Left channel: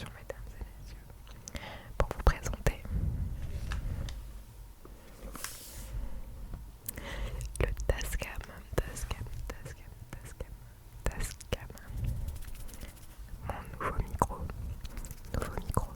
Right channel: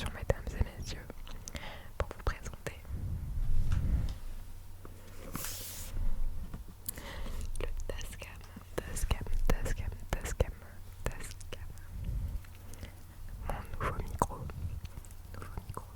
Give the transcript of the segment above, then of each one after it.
attention mesdames et messieurs, pour vous présenter le Tascam, mon nouveau micro, nouveau micro.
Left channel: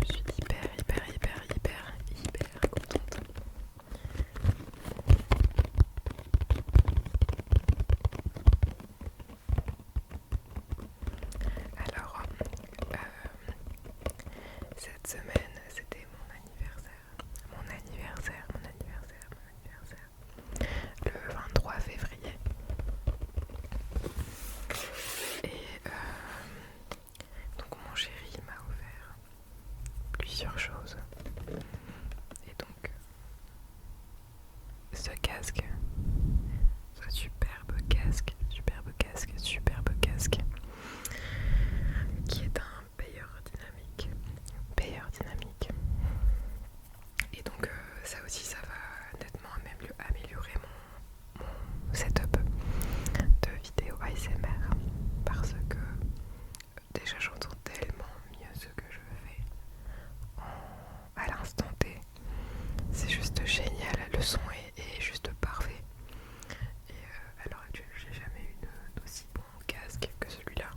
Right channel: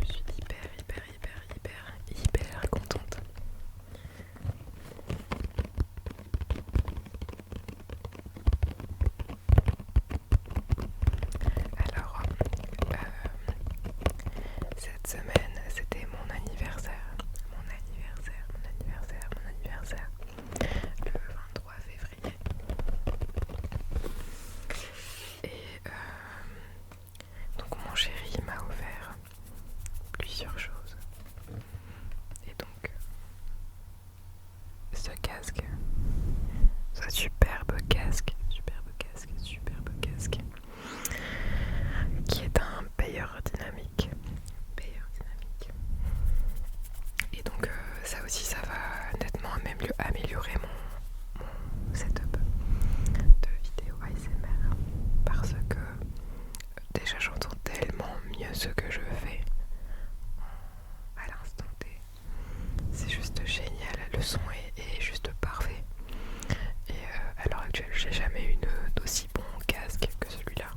Je suis hyper contente. Alors, cette semaine, c'était mon anniversaire. Le 23 février. Et donc mon chéri m'a offert plusieurs choses. Et donc ce casque, ce superbe casque, qui est un Beyer Dynamic. Et donc ça aussi, ça va nettement améliorer mon setup de vidéo ASMR, parce que déjà j'entends tellement mieux ce que je fais à l'instant T. C'est juste génial, le son est juste parfait. Et à l'heure actuelle, j'ai jamais eu d'aussi bon casque que celui-là.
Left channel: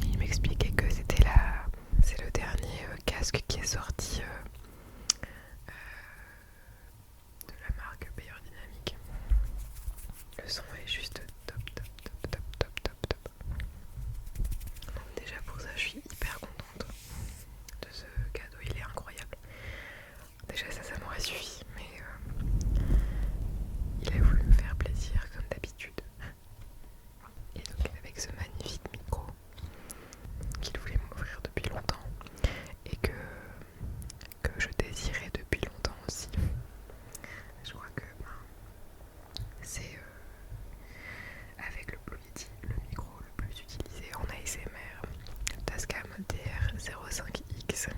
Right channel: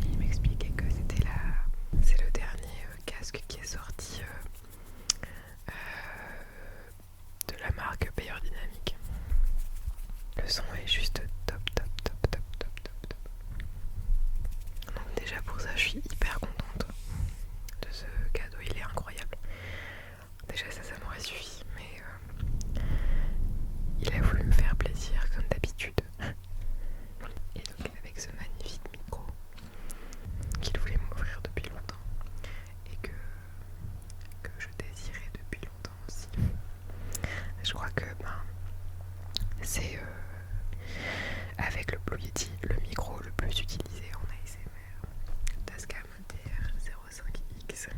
Et il m'expliquait que c'est le dernier casque qui est sorti de la marque Beyer Dynamic. Le son est juste top. Donc déjà pour ça, je suis hyper contente de ce cadeau, il est incroyable. Déjà ça m'aurait suffi, mais il a voulu me faire plaisir comme d'habitude. Et donc avec ce magnifique micro qu'il voulait m'offrir depuis longtemps et que je désirais depuis longtemps aussi. Je crois que c'est avec le Blue Yeti le micro le plus utilisé en ASMR, le Tascam DR05X.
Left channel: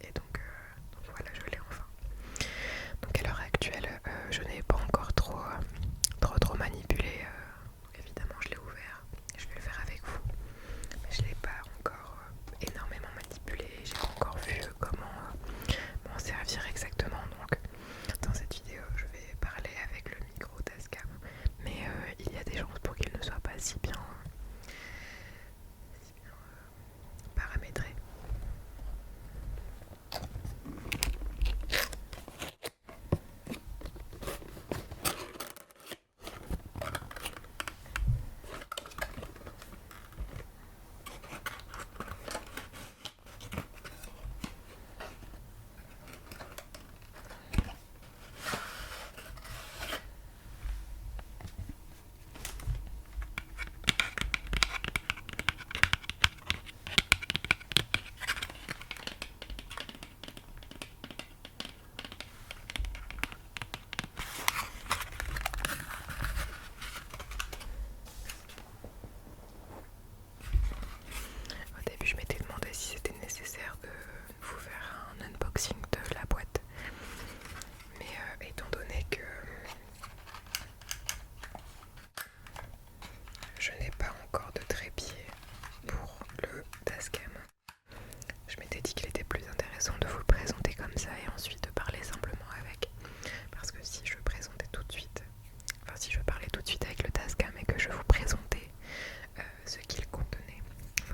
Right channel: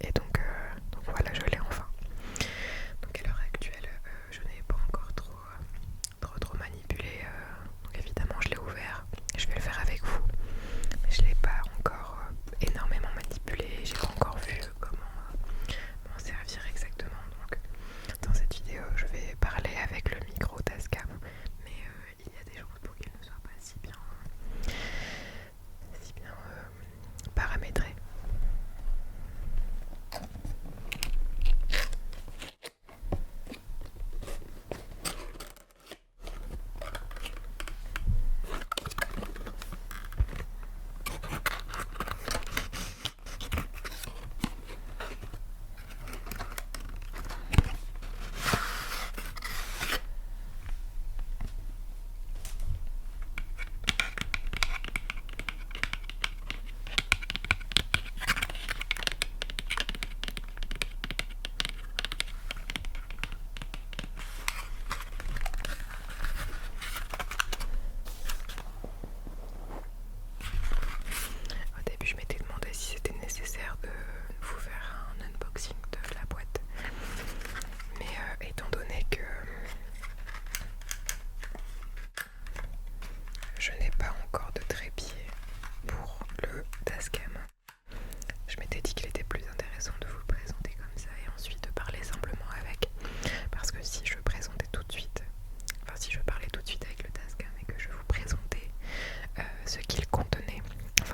Et donc voilà, je l'ai enfin. Donc à l'heure actuelle, je n'ai pas encore trop manipulé. Donc évidemment, je l'ai ouvert. Je vais le faire avec vous, mais je l'ai pas encore énormément manipulé. J'ai pas encore vu comment m'en servir exactement. Donc dans cette vidéo, je vais parler avec le micro Tascam, mais il y a des chances pour qu'il ne soit pas si bien paramétré. Au début, je m'étais demandé si c'était nécessaire de vous faire un unboxing de la boîte, mais étant donné que je n'ai pas encore de trépied pour le Tascam, je m'étais dit qu'il était plus intéressant de vous le présenter comme ça et ensuite de parler simplement avec, parce que si je présentais tout de suite, si je parlais tout de suite avec le Tascam et que je vous présentais ce qu'il contenait,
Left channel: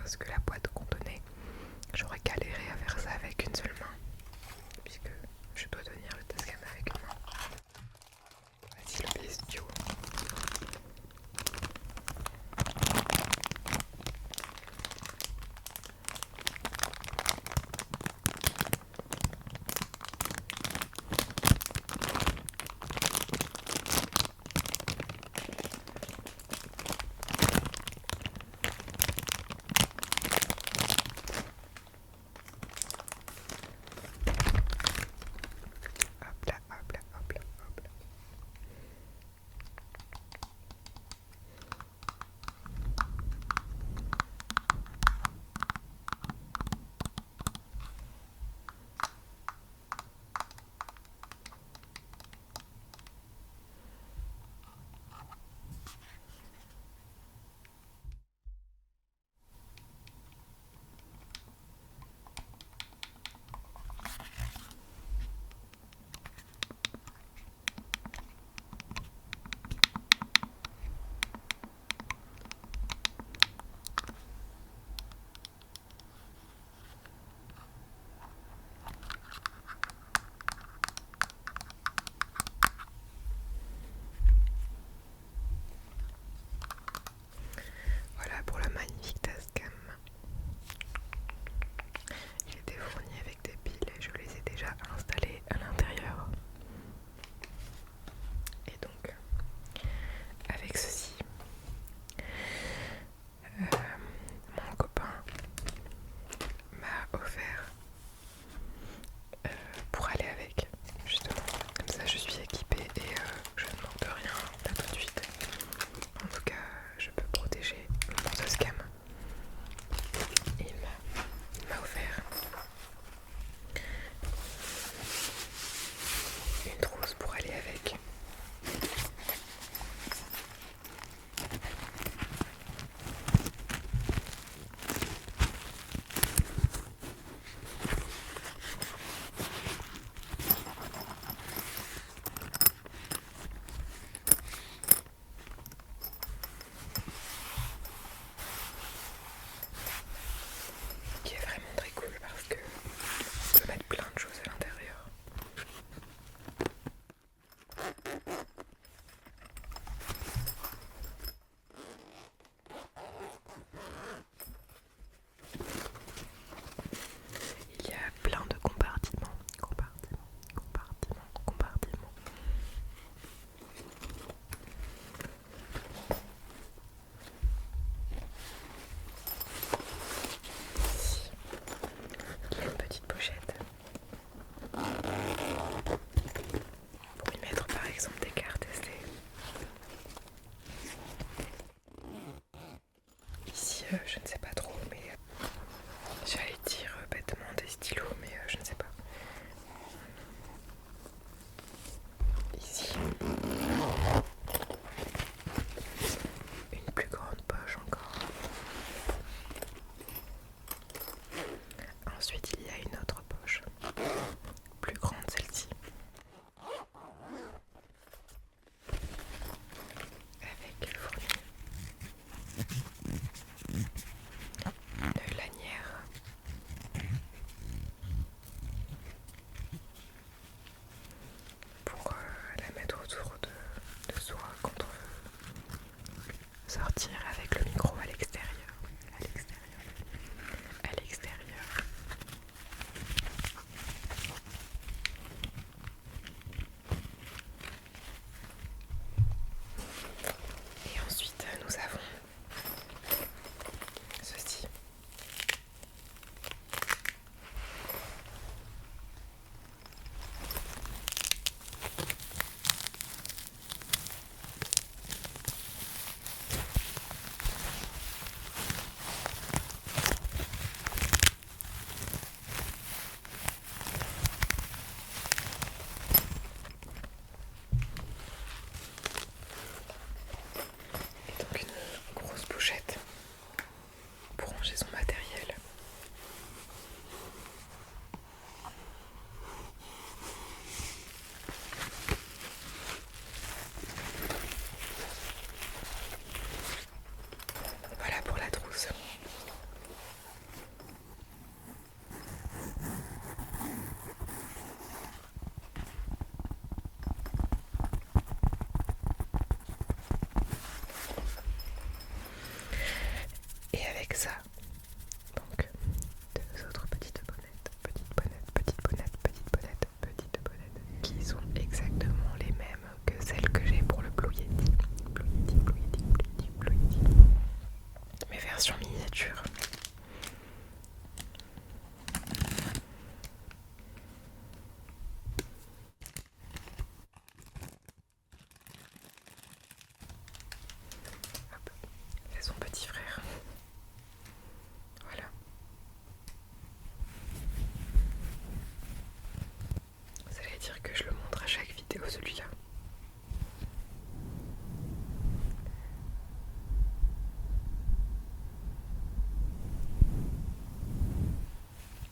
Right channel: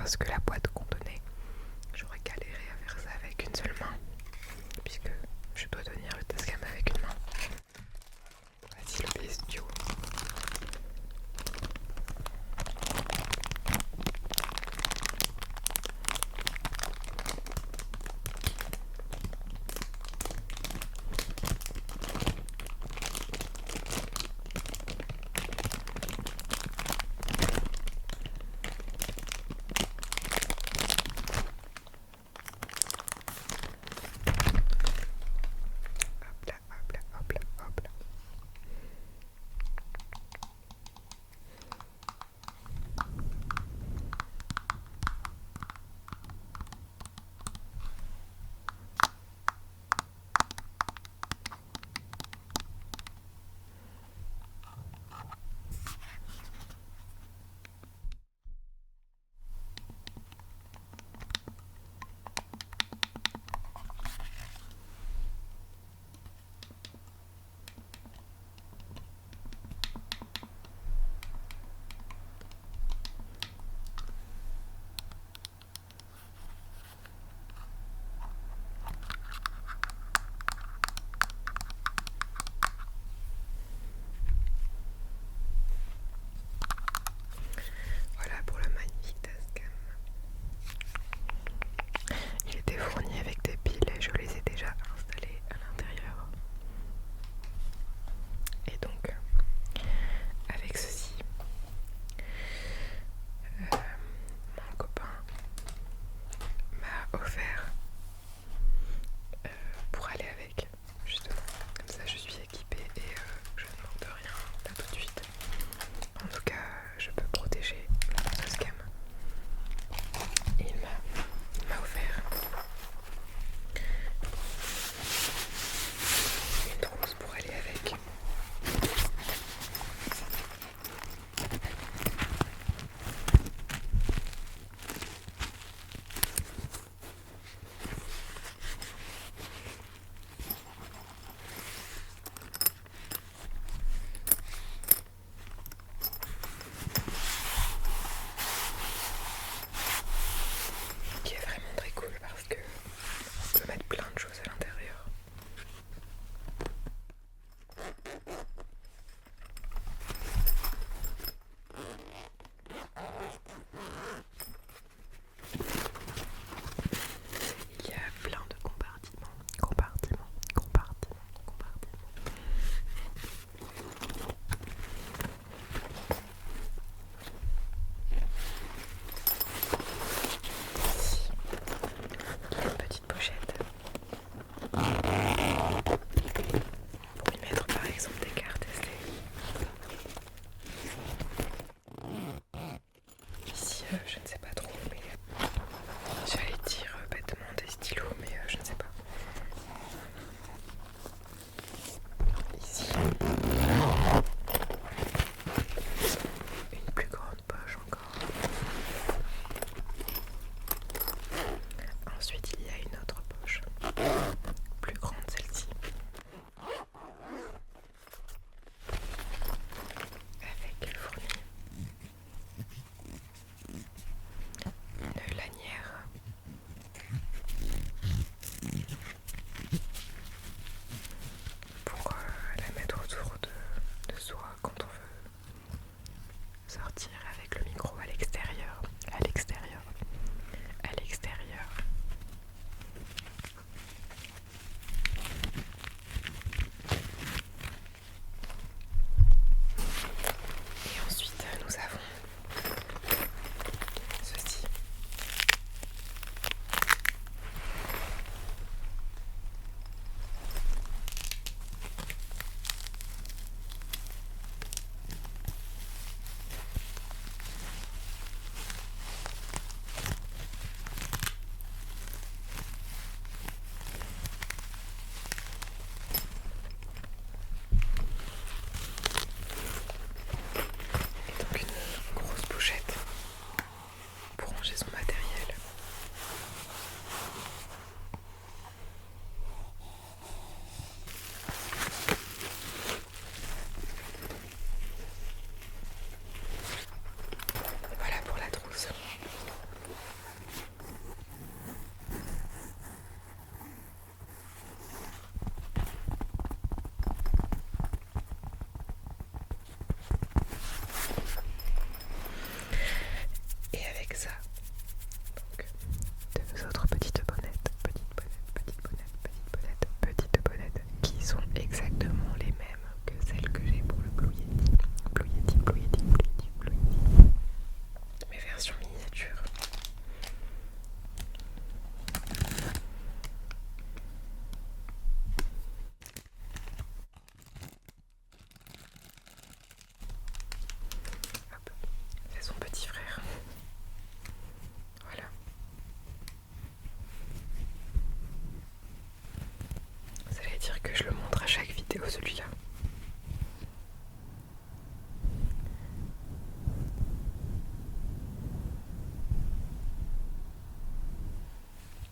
ce que la boîte contenait, j'aurais galéré à faire ça avec une seule main, puisque je dois tenir le Tascam avec une main. Voici le bestiau. pourrais dire que je le montre à chaque vidéo, celui-là.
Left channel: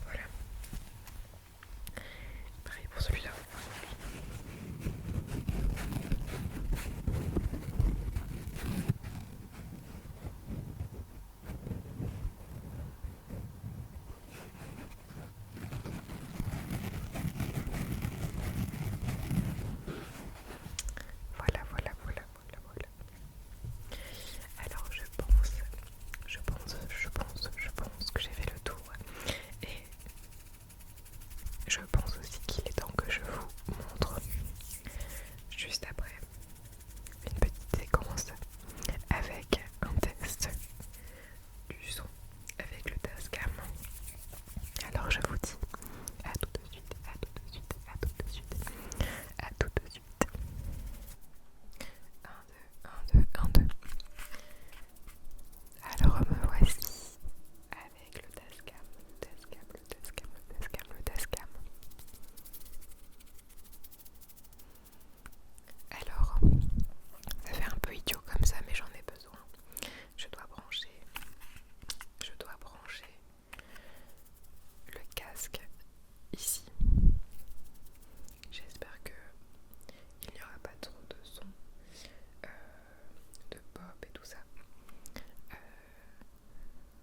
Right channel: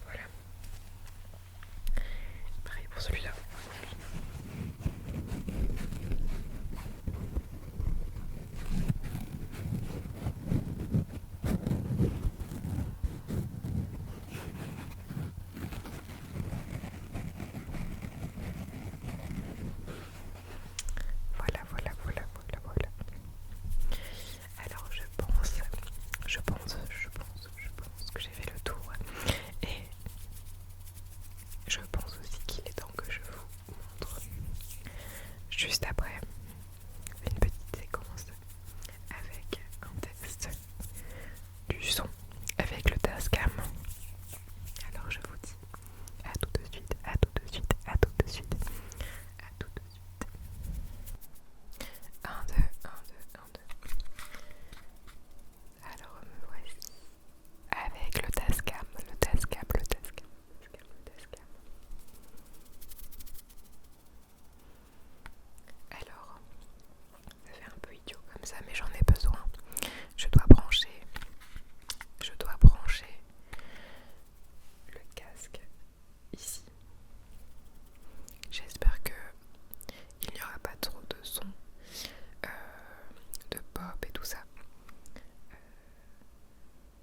Voilà. Pareil pour celui-là. Voilà. Alors je pense que j'ai fait le tour. Et je pense aussi qu'il est temps que je vous montre juste après une petite séquence avec un test du son avec le Tascam. Alors je vous dis à tout de suite, à tout de suite, à tout de suite, à tout de suite. 1, 2, 1, 2, 1, 2. Alors me voici avec le Tascam. Alors, ça fait un peu idiot comme ça, mais j'en ai besoin. Je dois brancher le casque ici. J'espère que il n'y aura pas trop de son, de pop et tout ça.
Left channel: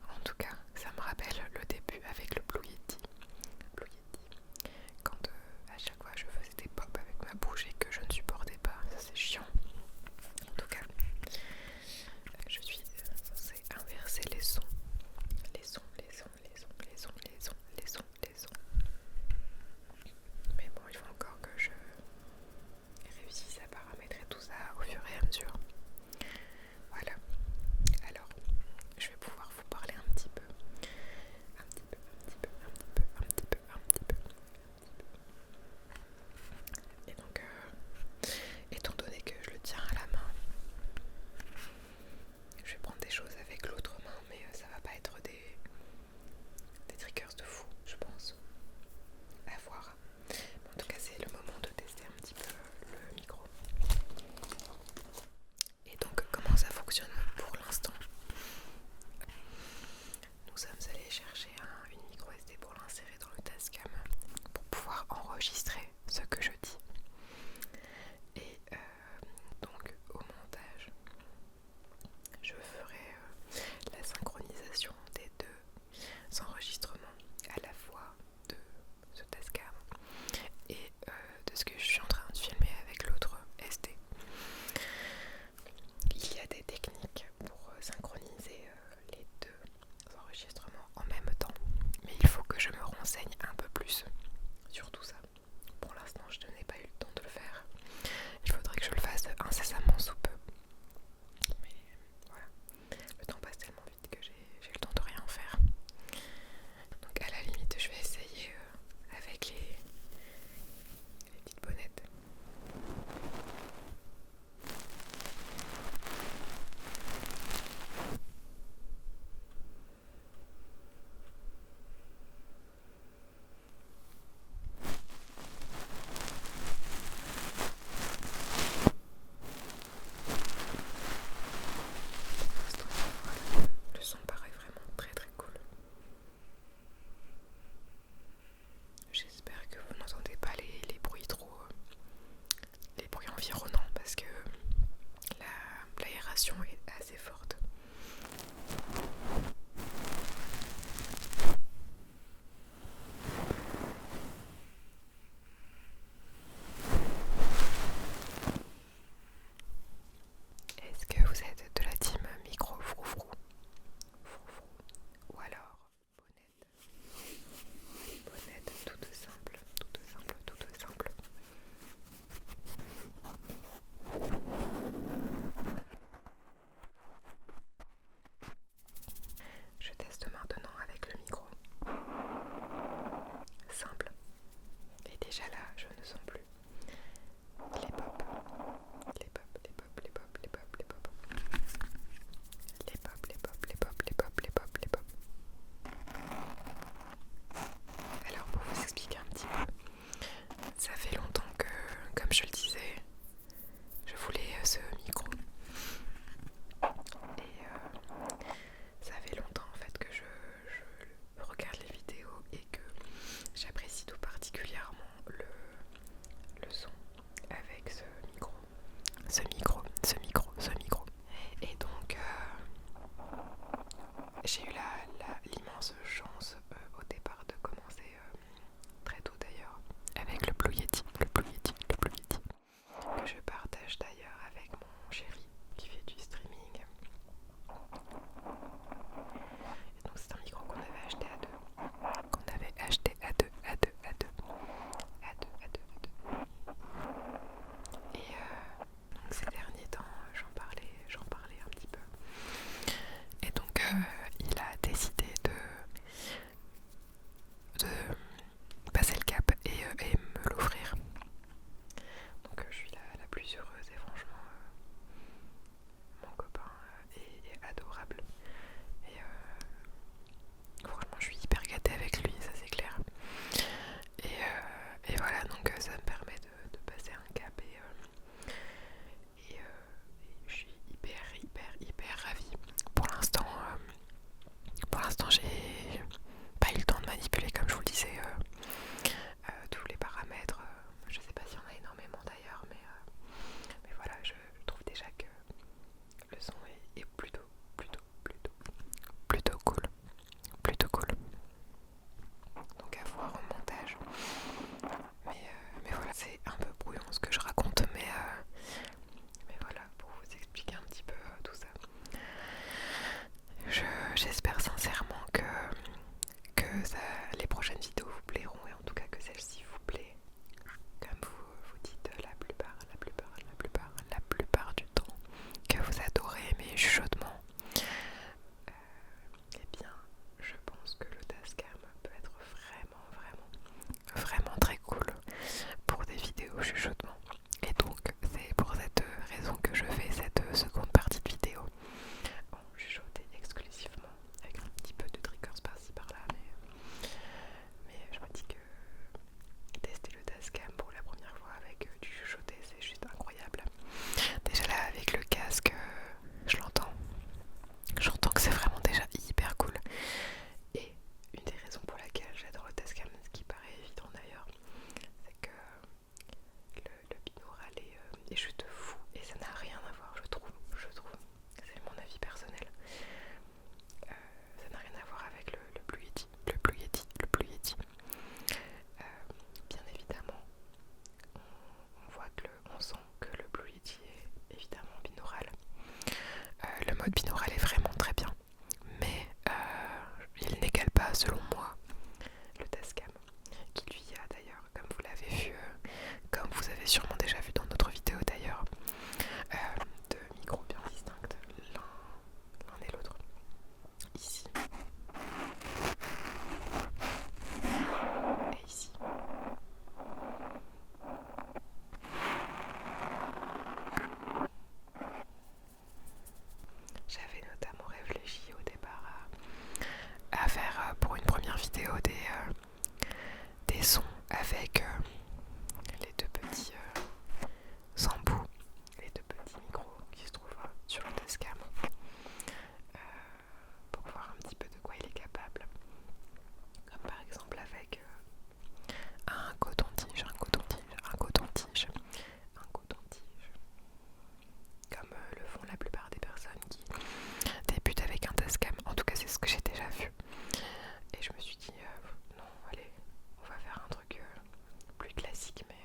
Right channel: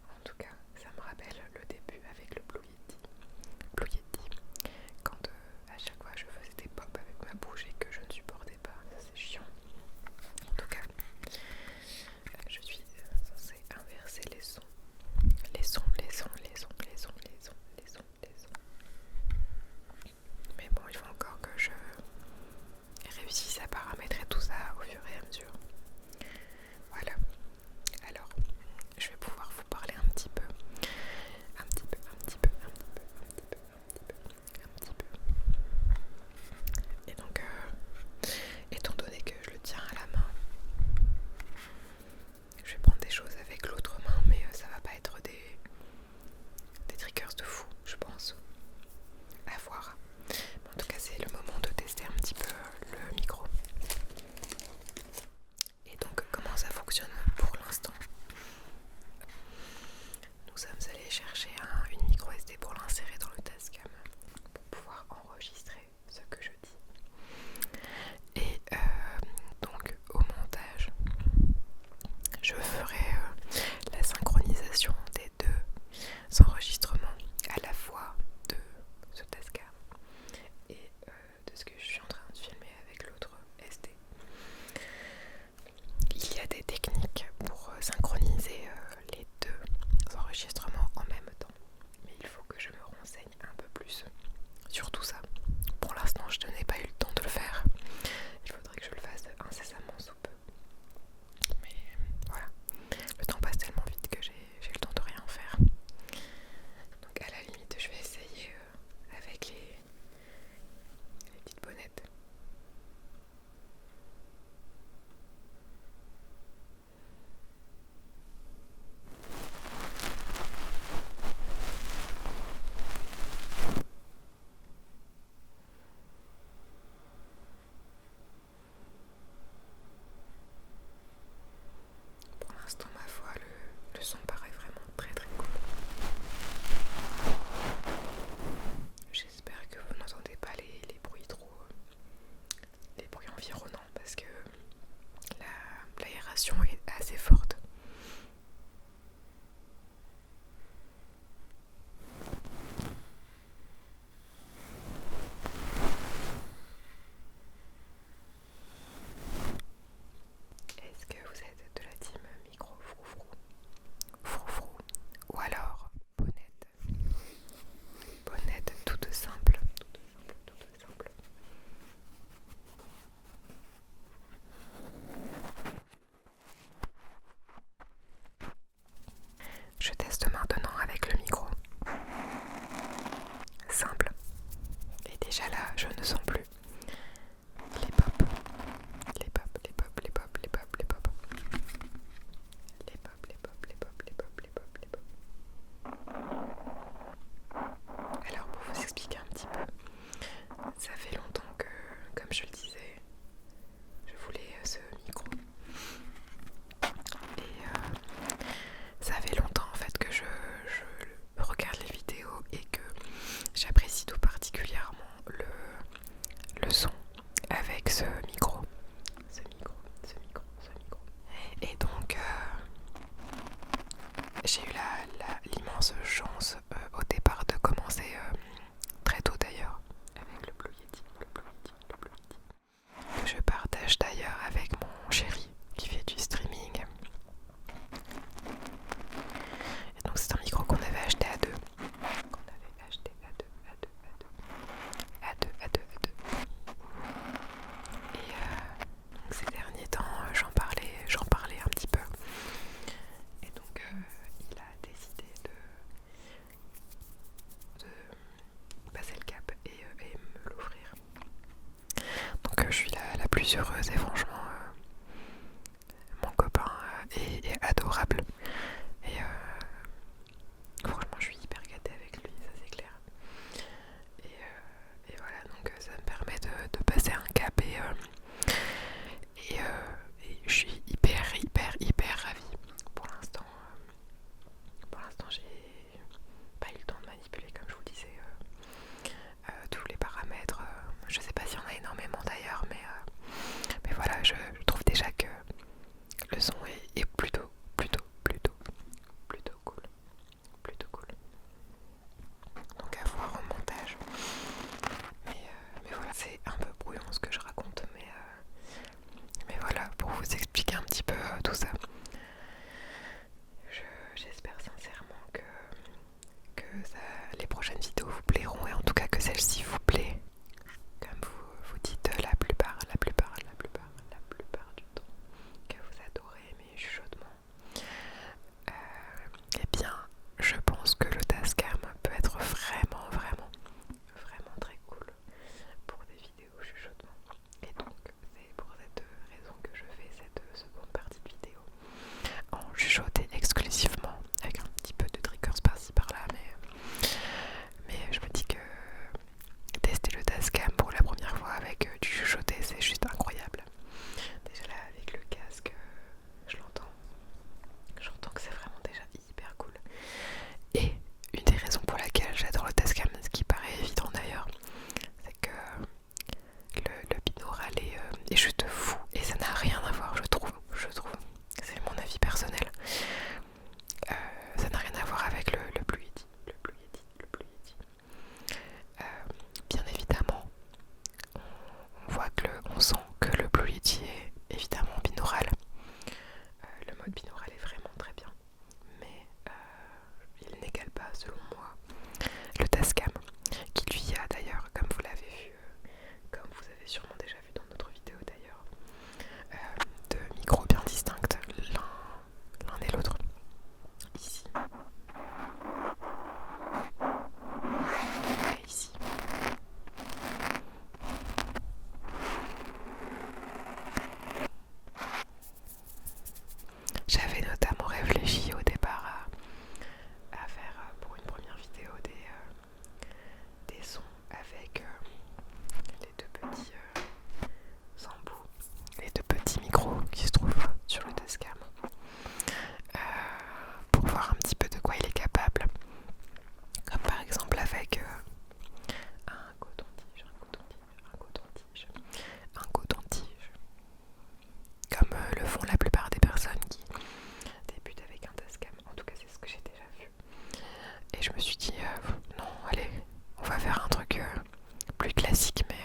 En tout cas, ça me rappelle le début avec le Blue Yeti. Quand à chaque fois je faisais des pop avec ma bouche et que je ne supportais pas, ça c'est chiant. En tout cas, je suis censée inverser les sons. Mais bon, il faut encore que je réussisse à paramétrer tout ça au fur et à mesure. Voilà. Alors, je vais pouvoir vous parler un petit peu. Et donc, étant donné que je le tiens à la main, je vais prendre des choses avec l'autre main, mais ça va pas être des triggers de fou, je pense. À voir. En tout cas, c'est le moment de tester un petit peu le micro. Et donc, comment ça fonctionne pour l'instant? Nous sommes allés chercher une micro SD pour l'insérer dans le Tascam pour pouvoir enregistrer ce que je dis. Et donc au montage, je ferai la synchronisation des deux enregistrements à la fois de ce Tascam et de ce que je suis en train de filmer avec l'autre SD. Il y a des techniques pour synchroniser les deux enregistrements en même temps, mais il faut que je me renseigne un peu plus sur tout ça. Pour l'instant, je n'ai pas eu le temps de le faire. Il faudrait que je le fasse incessamment sous peu. Mais voilà, le temps passe tellement vite que j'ai le temps de rien faire. Donc à la limite, je vais essayer avec les petites bonnettes. Pour l'instant, ma voix, le son paraît vraiment très très cool. J'espère que vous n'entendez pas les bruits les bruits environnants parce que l'aération est assez forte. Est-ce que vous êtes de la team micro froufrou ou alors bonnette toute simple. Je teste maintenant avec le micro simple et déjà là je ne sens plus les pop. Alors pour vous expliquer un petit peu, ça fait longtemps suis heureuse et franchement mon copain est adorable et franchement je suis hyper gâtée avec lui, ça c'est clair. Et voilà, donc ça me permet de passer un cap et je suis hyper ravie. Pour l'instant j'ai pas eu le temps de manipuler, comme je vous le disais, tous les paramètres. Je sais pas s'il y en a énormément d'ailleurs, mais voilà, je trouve déjà que le son est plutôt cool. Plutôt cool. Donc à voir au montage. Mais voilà, c'est un peu brouillon ce que je raconte, mais voilà, pour vous expliquer un petit peu tout ça. J'espère sincèrement que les prochaines vidéos vous plairont et en tout cas que celle-ci vous plaît. Comme vous dites la plupart du temps que vous adorez mes chuchotements. Eh bien, je pense que le Tascam peut être vraiment très cool pour des vidéos chuchotements. Et donc, c'est pour cette raison que je fais cette seconde partie de vidéo en chuchoté exclusivement, avec un petit peu de triggers par-ci par-là, mais je me dis que tester le Tascam pour la première fois avec du chuchoté, c'est juste incroyable. Déjà là, avec le casque, j'entends que c'est vraiment déjà hyper cool. Et une des raisons pour laquelle j'adore le Tascam, ce qui paraît évident d'ailleurs, c'est que le binaural est juste fou et ça n'a rien à voir, je trouve, c'est mon avis personnel, ça n'a rien à voir avec le Blue Yeti. Bien évidemment, on sent que le Blue Yeti est évidemment binaural. Le mode binaural est vraiment très bien, mais il n'égale pas, selon moi, le Tascam, qui lui a d'ailleurs, comme vous l'avez vu, comme vous avez sûrement déjà vu dans notre vidéo d'ailleurs, de micros bien distincts l'un et l'autre. Ici et ici. J'avais notamment réfléchi au départ à faire pour une première vidéo des sons avec les deux petits embouts, les deux petits micros qui se trouvent sur le Tascam, pour voir un petit peu de quoi il est capable, comme par exemple avec un coton-tige, comme le font la plupart des personnes qui débutent avec un Tascam. En tout cas c'est ce que j'ai déjà vu, et je me suis dit non, allez, on va faire un truc plus classique, mais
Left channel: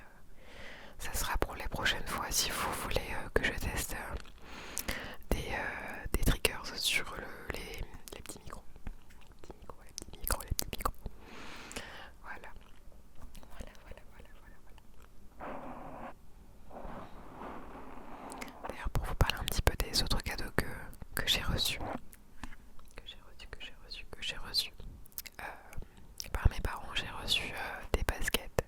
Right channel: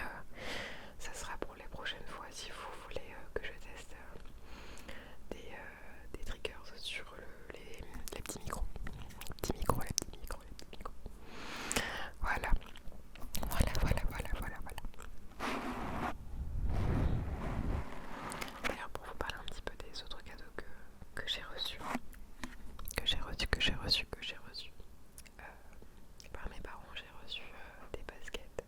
ça sera pour les prochaines fois si vous voulez que je teste des triggers sur les petits micros. Les petits micros. Voilà. D'ailleurs, pour vous parler un petit peu des autres cadeaux que j'ai reçus, par mes parents, j'ai reçu des baskets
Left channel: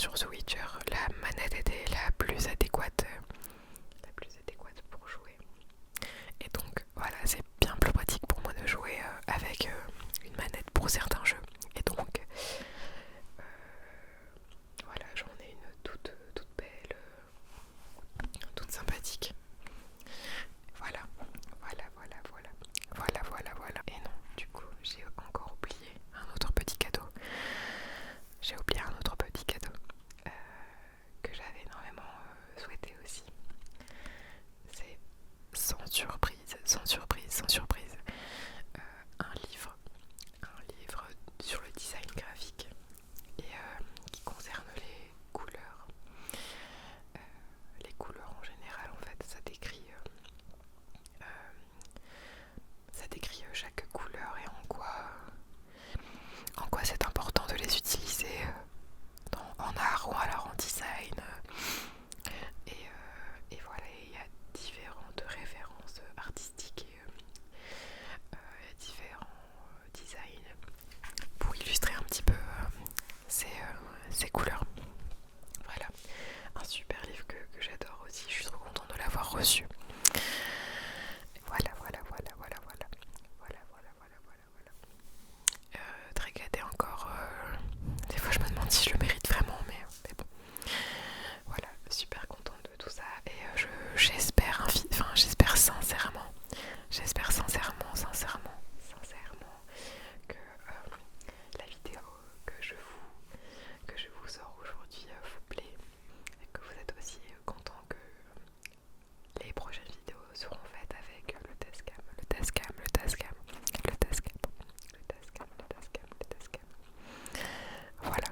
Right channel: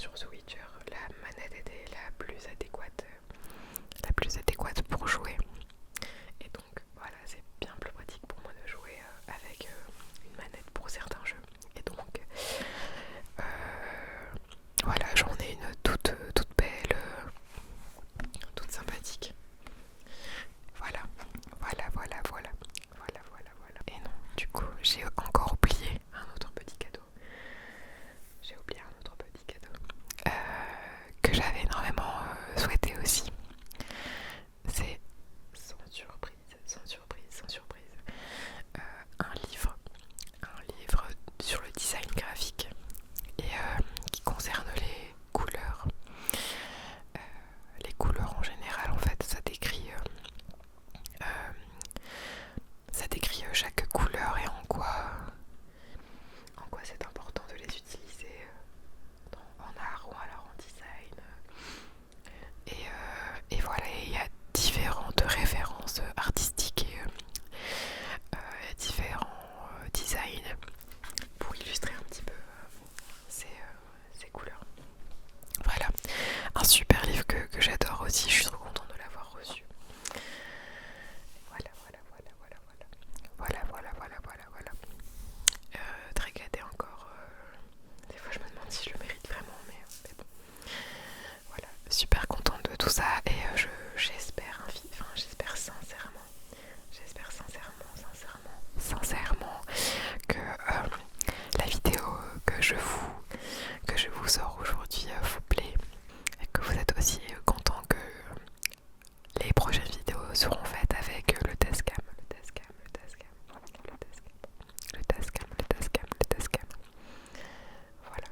sur Switch, la manette était la plus adéquate pour jouer. Et donc voilà, c'est bien plus pratique pour moi de jouer avec une manette pour certains jeux. Et donc voilà, j'en ai une toute belle, toute sympathique. Voilà. Et non, du coup, j'ai encore oublié un autre petit cadeau. euh, que j'avais énormément souhaité aussi. C'est sans surprise, un livre sur le design graphique et qui concerne les couleurs. Les couleurs en général, en fait, ça décrit chaque couleur et en quoi c'est important de les utiliser en art ou alors en design. Et voilà, il y a différentes références artistiques et différents designs pour illustrer un petit peu ces couleurs. Voilà, un super livre que j'adore aussi, je suis trop contente de l'avoir reçu. Voilà. Très gâtée encore. Des fois je me demande si je le mérite vraiment, mais bon. Voilà, super contente de tout ça et j'espère sincèrement que la vidéo que je vous sors aujourd'hui vous plaît et que vous êtes aussi content que les prochaines vidéos seront faites avec le Tascam. Voilà.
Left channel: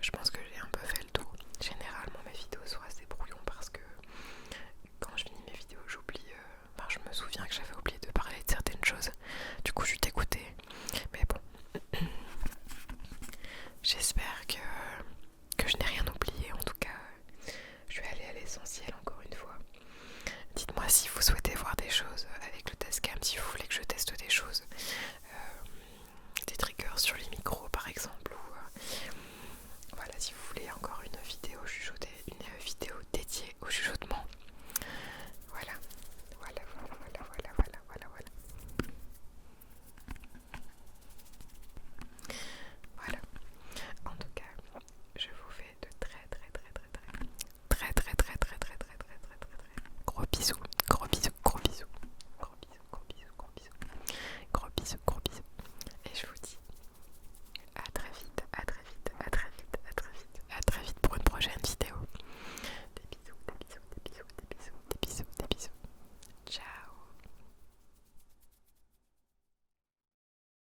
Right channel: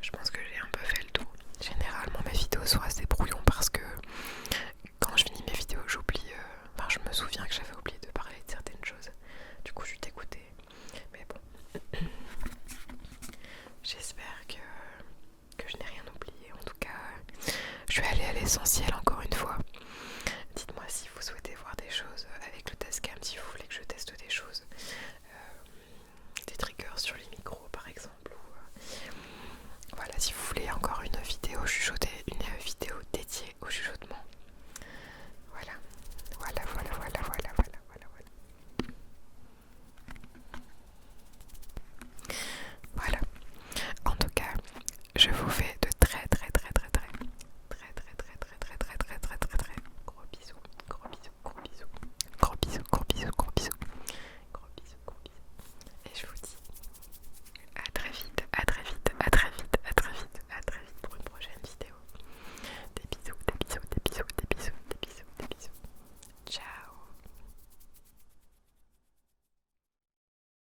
Je pense que j'ai un peu fait le tour. Généralement mes vidéos sont assez brouillons parce que quand je finis mes vidéos j'oublie, je me souviens que j'avais oublié de parler de certaines choses. Du coup je suis dégoûtée. Mais bon. J'espère que je n'ai rien oublié. En tout cas, je suis allée à l'essentiel encore une fois. Dites-moi si vous souhaitez voir des choses avec le Tascam, si vous voulez que je teste des choses. Des triggers sur les micros par exemple. Ou, voilà, si vous voulez encore une vidéo chuchotée, une vidéo dédiée au chuchotement. Voilà. Voilà. En tout cas, je vous fais